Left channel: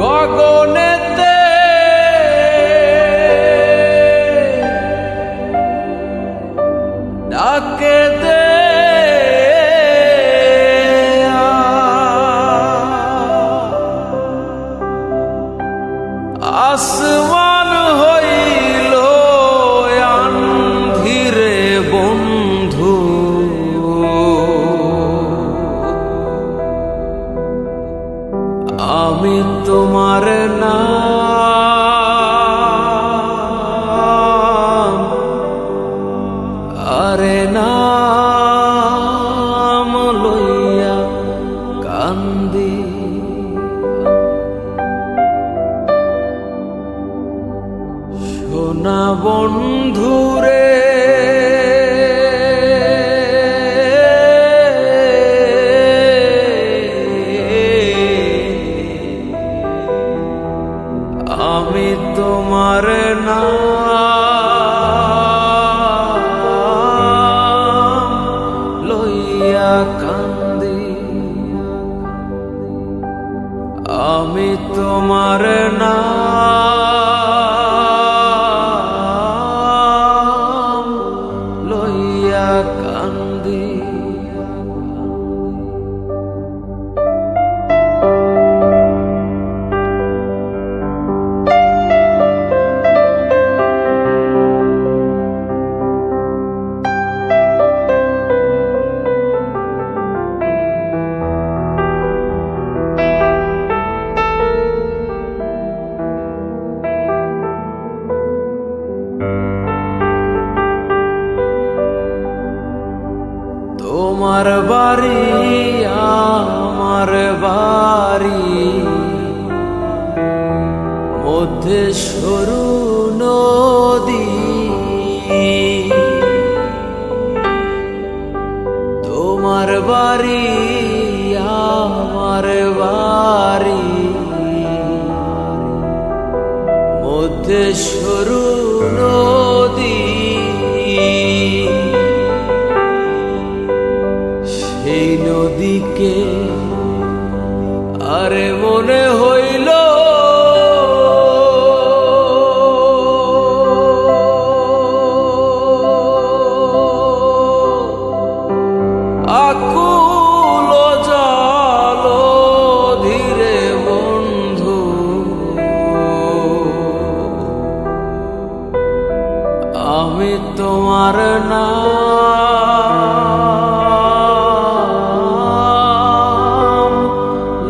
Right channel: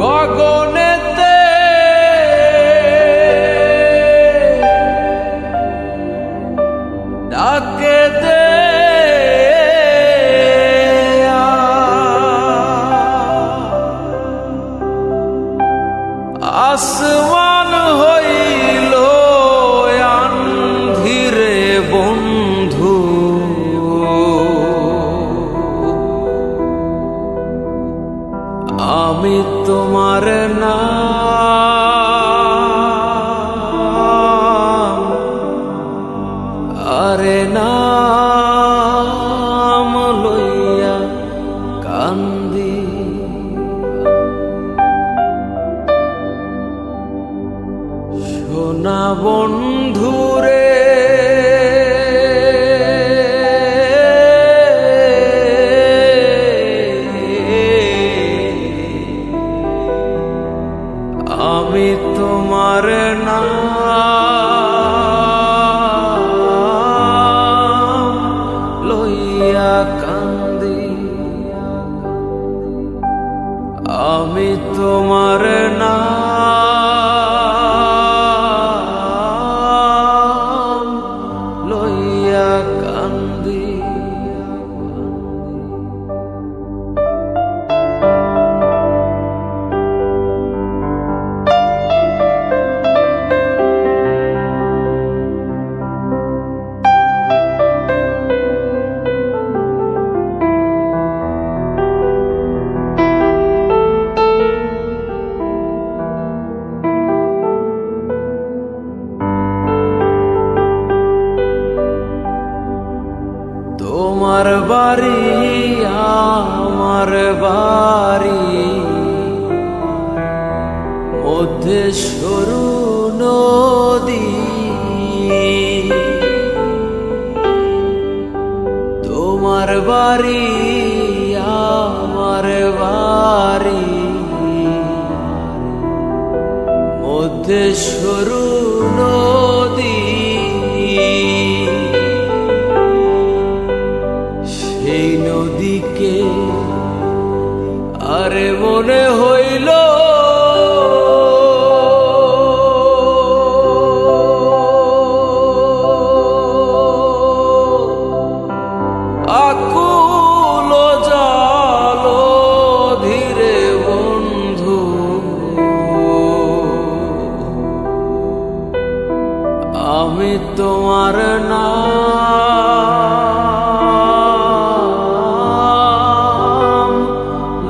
গগনেতে ডাকে দে আসমান হইল আন্ধিরে বন্ধু, আমি তোমার নাম আরে নাম লইয়া কান্দি। সোনা বন্ধুরে আমি তোমার নাম লইয়া কান্দি, আমি তোমার নাম লইয়া কান্দি। তোমার বাড়ি আমার বাড়ি মধ্যে সরু নদী, তোমার বাড়ি আমার বাড়ি মধ্যে সরু নদী, সেই নদীকে আরে মনে হইল আকুল জল ধীরে বন্ধু, আমি তোমার নাম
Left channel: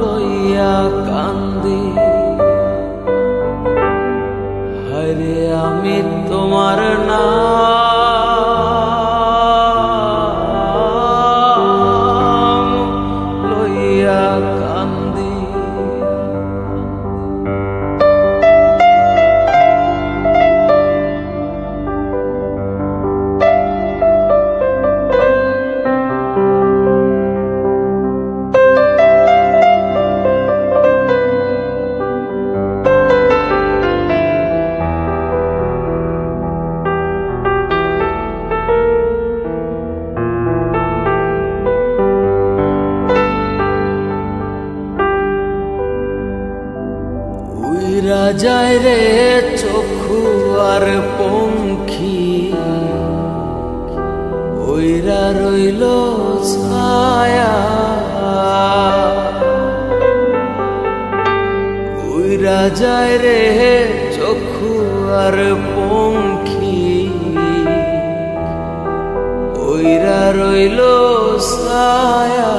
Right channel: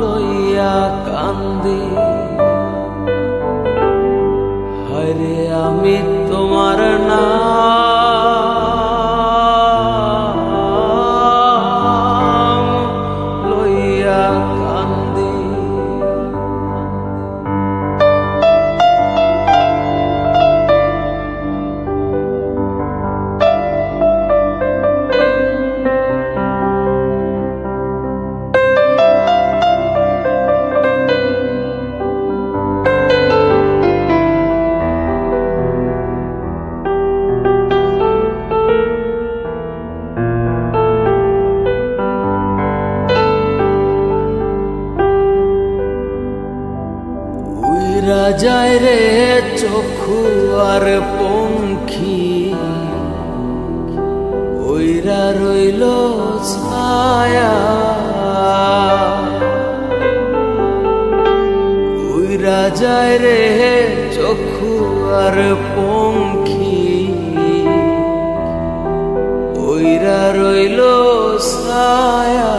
লইয়া কান্দি। হরে আমি তোমার নাম লইয়া কান্দি। উইরা যায় রে চক্ষু আর পঙ্খী, উইরা রইল ছায়া, উইরা যায় রে চক্ষু আর পঙ্খী, উইরা রইল ছায়া,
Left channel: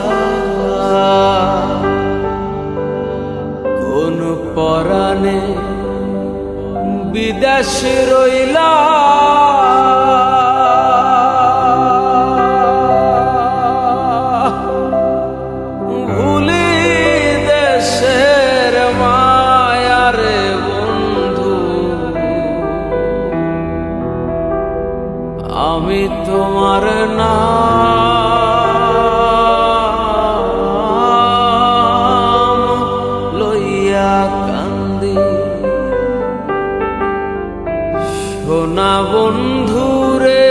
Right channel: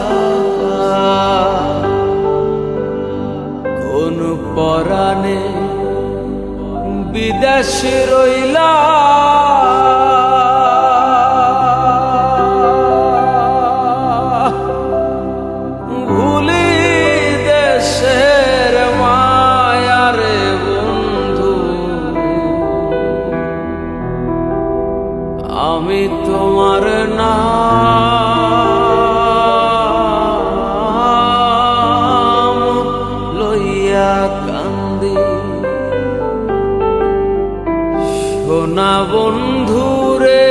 কোন পরাণে বিদেশে রইলা ভুলি দেশের মায়ারে বন্ধু, আমি তোমার নাম লইয়া কান্দি। সোনা বন্ধুরে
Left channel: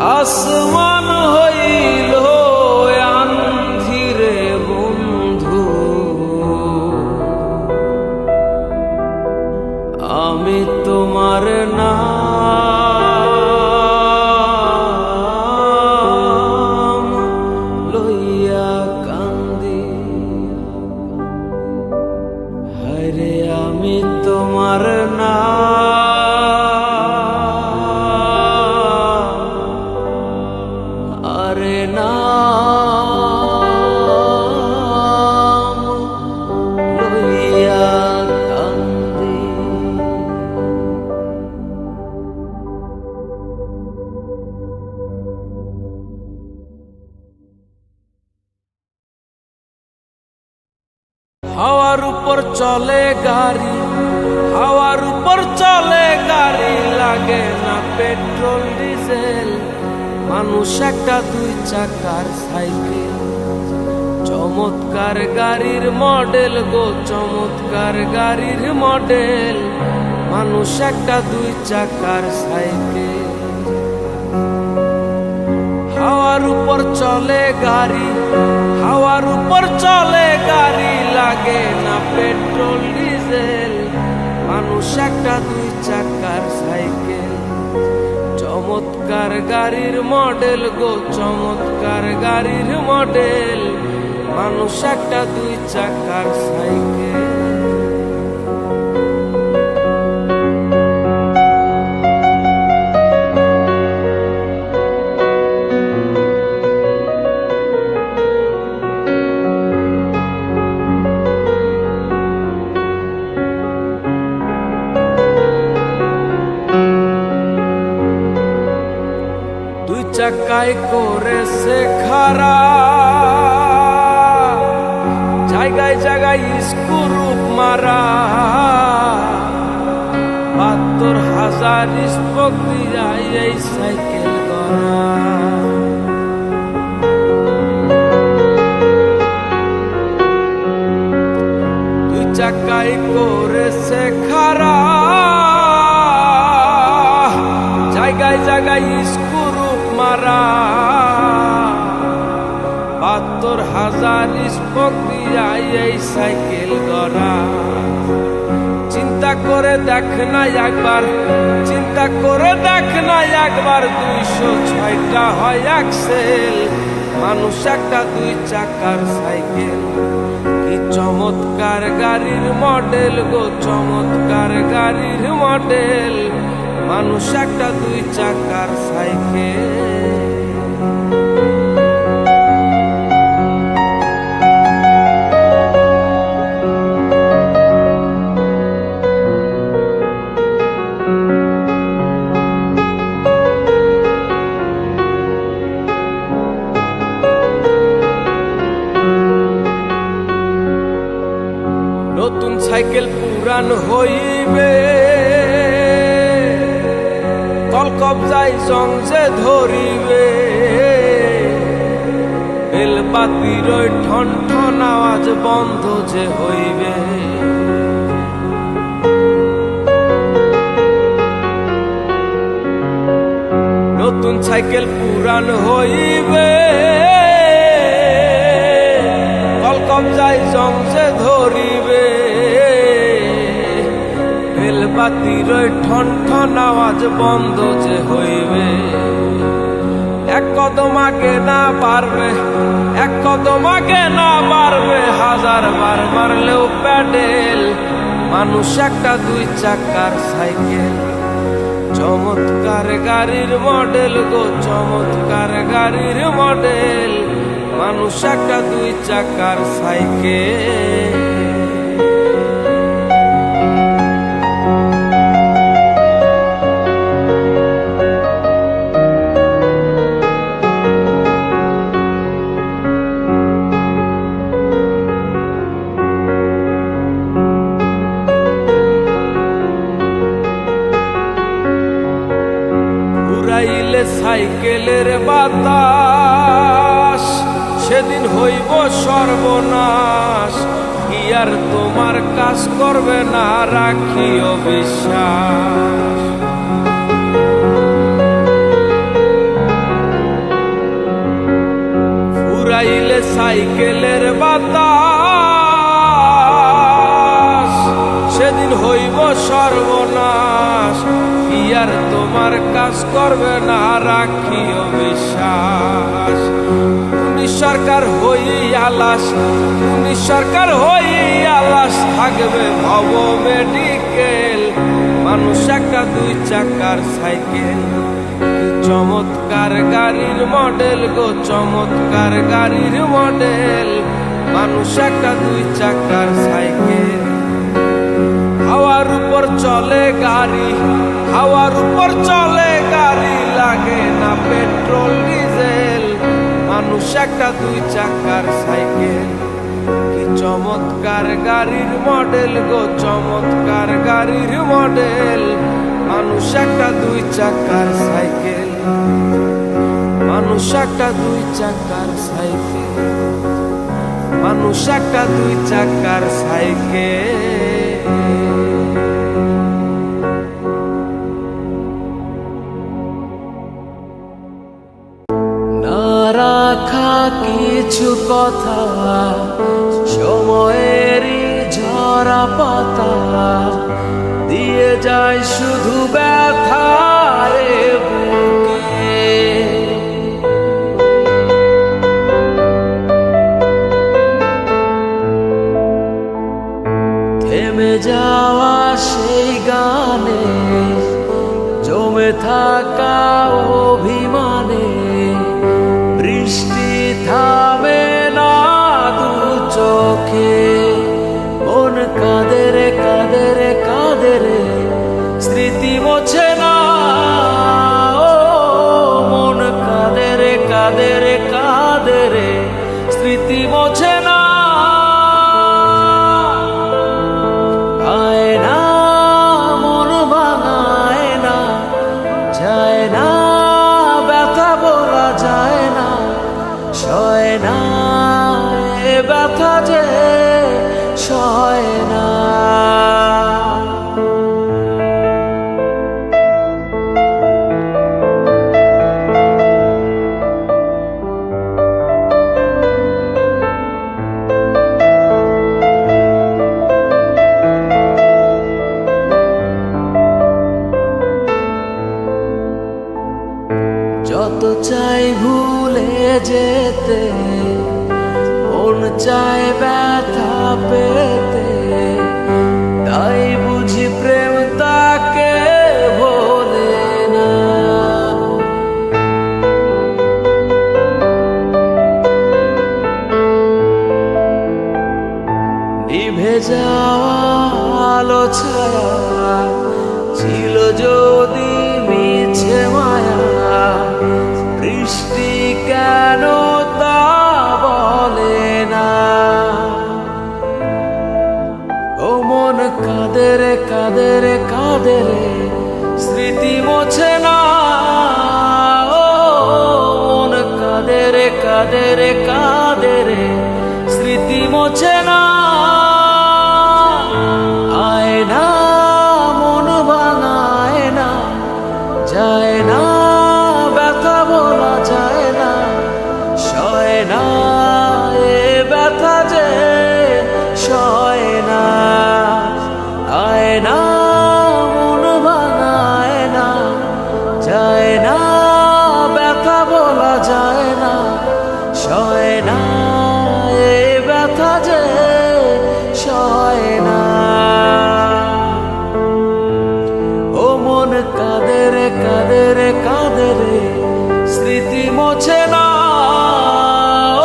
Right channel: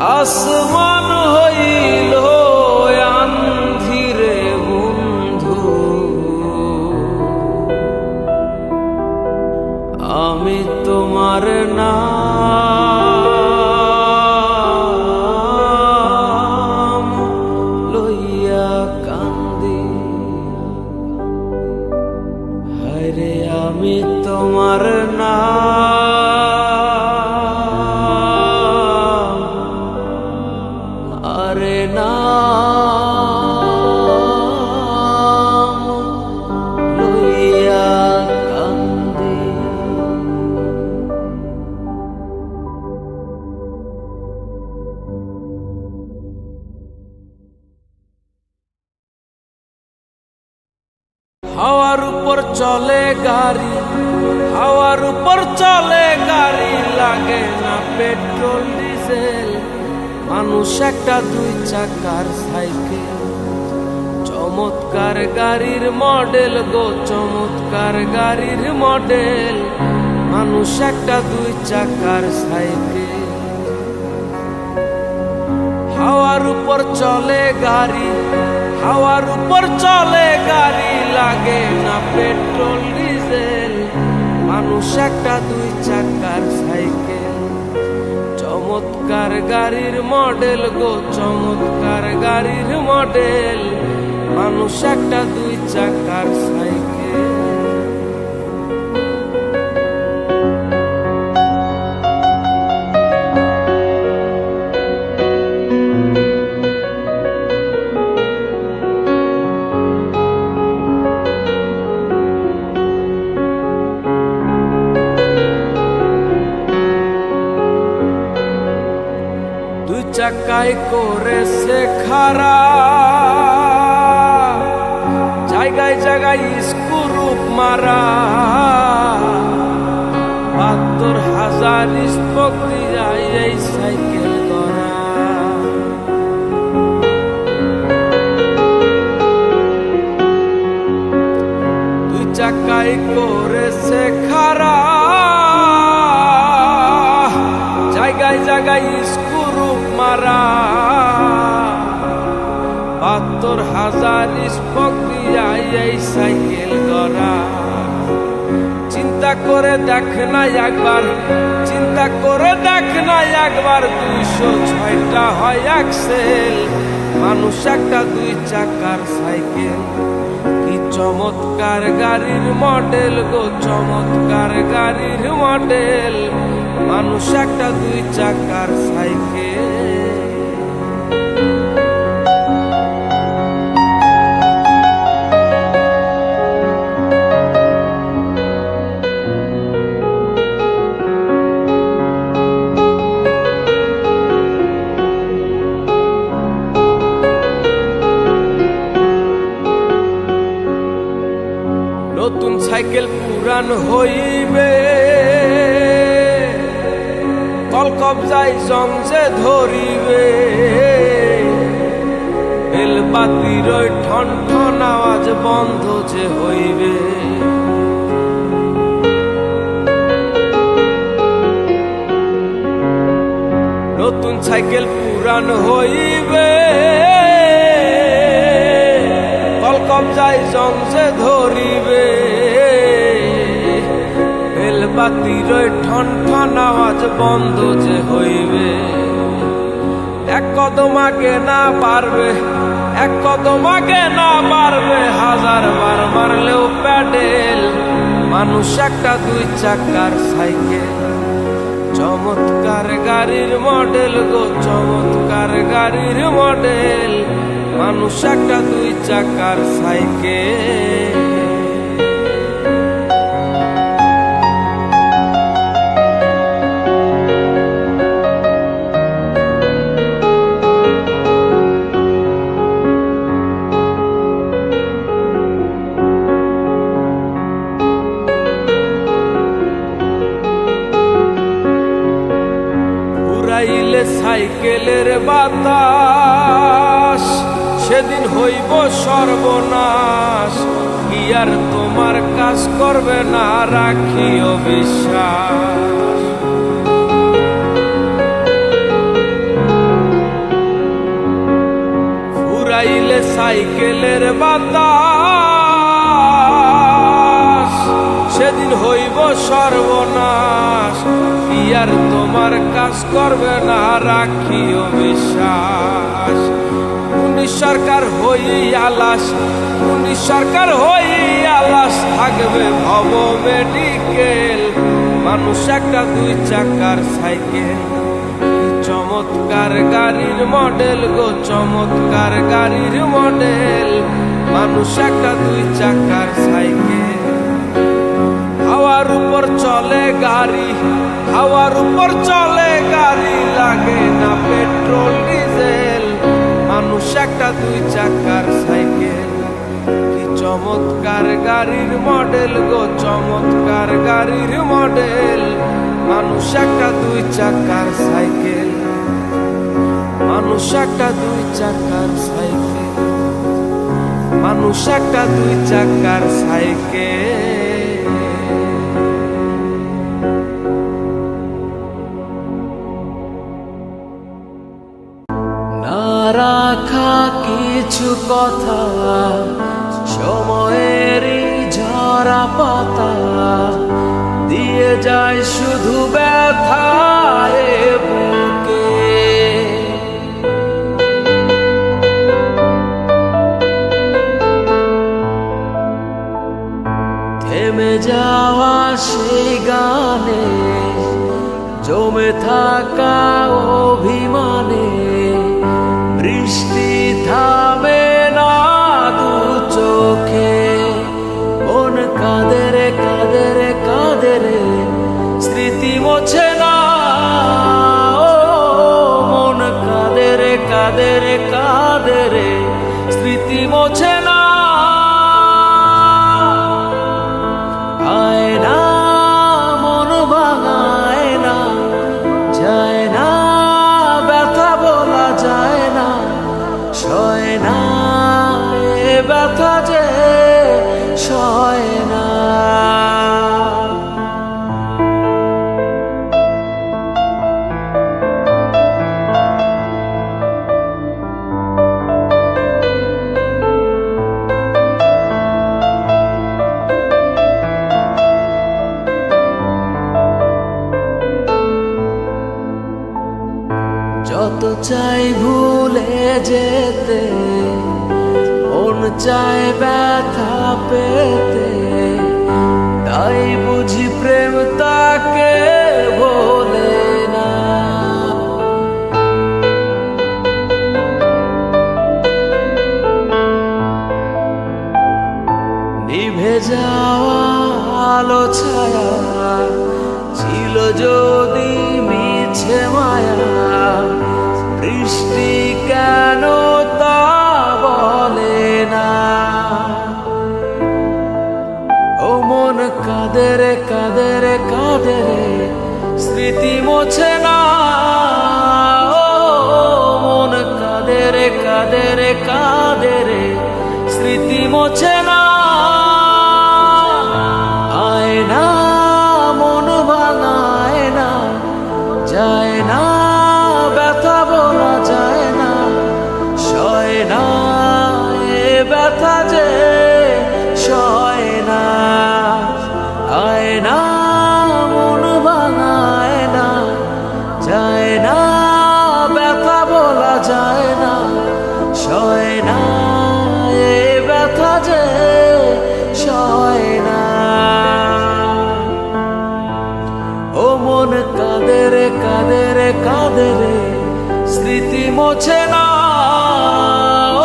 আসমান হইল আন্ধিরে বন্ধু, আমি তোমার নাম লইয়া কান্দি। হায়রে আমি তোমার নাম, আরে নাম লইয়া কান্দি। হাওয়ার উপর চলে গাড়ি, হাওয়ার উপর চলে গাড়ি, লাগে না পেট্রোল ডিজেল। মানুষ একটা দুই চাকার সাইকেল, চমৎকার গাড়ির মডেল গো, চমৎকার গাড়ির মডেল। মানুষ একটা দুই চাকার সাইকেল। হাওয়ার উপর চলে গাড়ি, হাওয়ার উপর চলে গাড়ি, লাগে না পেট্রোল ডিজেল। মানুষ একটা দুই চাকার সাইকেল, চমৎকার গাড়ির মডেল গো, চমৎকার গাড়ির মডেল। মানুষ একটা দুই চাকার সাইকেল। দুই চাকায় করেছে খারা, জায়গায় জায়গায় স্ক্রুপ মারা। ৭২,০০০ স্পোক দিয়া এই সাইকেল করা। দুই চাকায় করেছে খারা, জায়গায় জায়গায় স্ক্রুপ মারা। ৭২,০০০ স্পোক দিয়া এই সাইকেল গড়া। চিন্তা করে দেখ না একবার, চিন্তা করে দেখ না একবার, ২০৬টা হয় অ্যাক্সেল। মানুষ একটা দুই চাকার সাইকেল, কি চমৎকার গাড়ির মডেল গো, চমৎকার গাড়ির মডেল। মানুষ একটা দুই চাকার সাইকেল। নতুন সাইকেল পুরান হইবে, কল কবজায় জং যে ধরিবে। বেলবাতির ওই ঠন ঠন আওয়াজ বন্ধ যে হইবে। নতুন সাইকেল পুরান হইবে, কল কবজায় জং যে ধরিবে। বেলবাতির ওই ঠন ঠন আওয়াজ বন্ধ যে হইবে। এক কদম আগে না পারবে, এক কদম আগে না পারবে, ১০০০ বার মারলেও প্যাডেল। মানুষ একটা দুই চাকার সাইকেল, চমৎকার গাড়ির মডেল গো, চমৎকার গাড়ির মডেল। মানুষ একটা দুই চাকার সাইকেল। উড়াইলে সাইকেলের বাতাস, সেদিন হইব সর্বনাশ। কি আর তোমার কাজ করবে না, রাখিও বিশ্বাস। ফুরাইলে সাইকেলের বাতাস, সেদিন হইব সর্বনাশ। কি আর তোমার কাজ করবে না, রাখিও বিশ্বাস। পুলিশ সরকার হই আলাস, পুলিশ সরকার হই আলাস, থাকবে ভব মেডিকেল। মানুষ একটা দুই চাকার সাইকেল, কি চমৎকার গাড়ির মডেল গো, চমৎকার গাড়ির মডেল। মানুষ একটা দুই চাকার সাইকেল, হাওয়ার উপর চলে গাড়ি, হাওয়ার উপর চলে গাড়ি, লাগে না পেট্রোল ডিজেল। মানুষ একটা দুই চাকার সাইকেল, কি চমৎকার গাড়ির মডেল গো, চমৎকার গাড়ির মডেল। মানুষ একটা দুই চাকার সাইকেল, মানুষ একটা দুই চাকার সাইকেল, মানুষ একটা দুই চাকার সাইকেল। না রাখা কিছু কথা, সময়েরই ঝরা পাতা, দিয়ে যায় শুধু ব্যথায় বুকে। থেমে যাওয়া সেই গানে, জমে থাকা অভিমানে, বৃষ্টি থামে না দু চোখে। মন কাঁদে রে কাঁদে রে কাঁদে রে, স্মৃতি মোছে না। ও মন কাঁদে রে কাঁদে রে কাঁদে রে, স্মৃতি মোছে না। আয় না মন ভাঙায় না, যায় না ব্যথা বলা যায় না, সয় না এ ব্যথা যে সয় না। যত চাই ভুলে যেতে, মন চায় ব্যথা পেতে, তাই বুঝি প্রেম তাকে ভোলে না। নিভে যাওয়া আলো ছায়া ছিল যদি মিছে মায়া, বৃষ্টি কেন তা বলে না। ও মন কাঁদে রে কাঁদে রে কাঁদে রে, স্মৃতি মোছে না। ও মন কাঁদে রে কাঁদে রে কাঁদে রে, স্মৃতি মোছে না। আয় না মন ভাঙায় না, যায় না ব্যথা বলা যায় না, সয় না এ ব্যথা যে সয় না। আয় না মন ভাঙায় না, যায় না ব্যথা বলা যায় না, সয় না এ ব্যথা যে সয় না। ও মন কাঁদে রে কাঁদে রে কাঁদে রে, স্মৃতি মোছে না।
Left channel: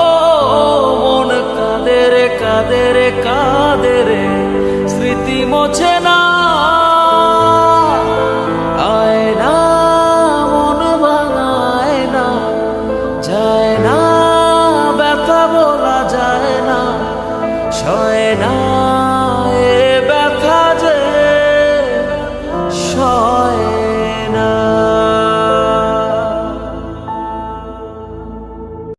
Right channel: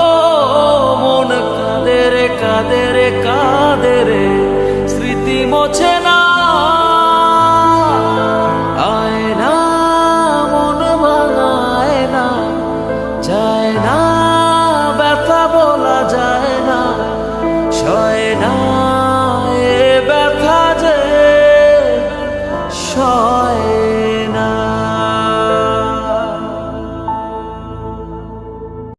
ও মন কাঁদে রে কাঁদে রে কাঁদে রে, স্মৃতি মোছে না। আয় না মন ভাঙায় না, যায় না ব্যথা বলা যায় না, সয় না এ ব্যথা যে সয়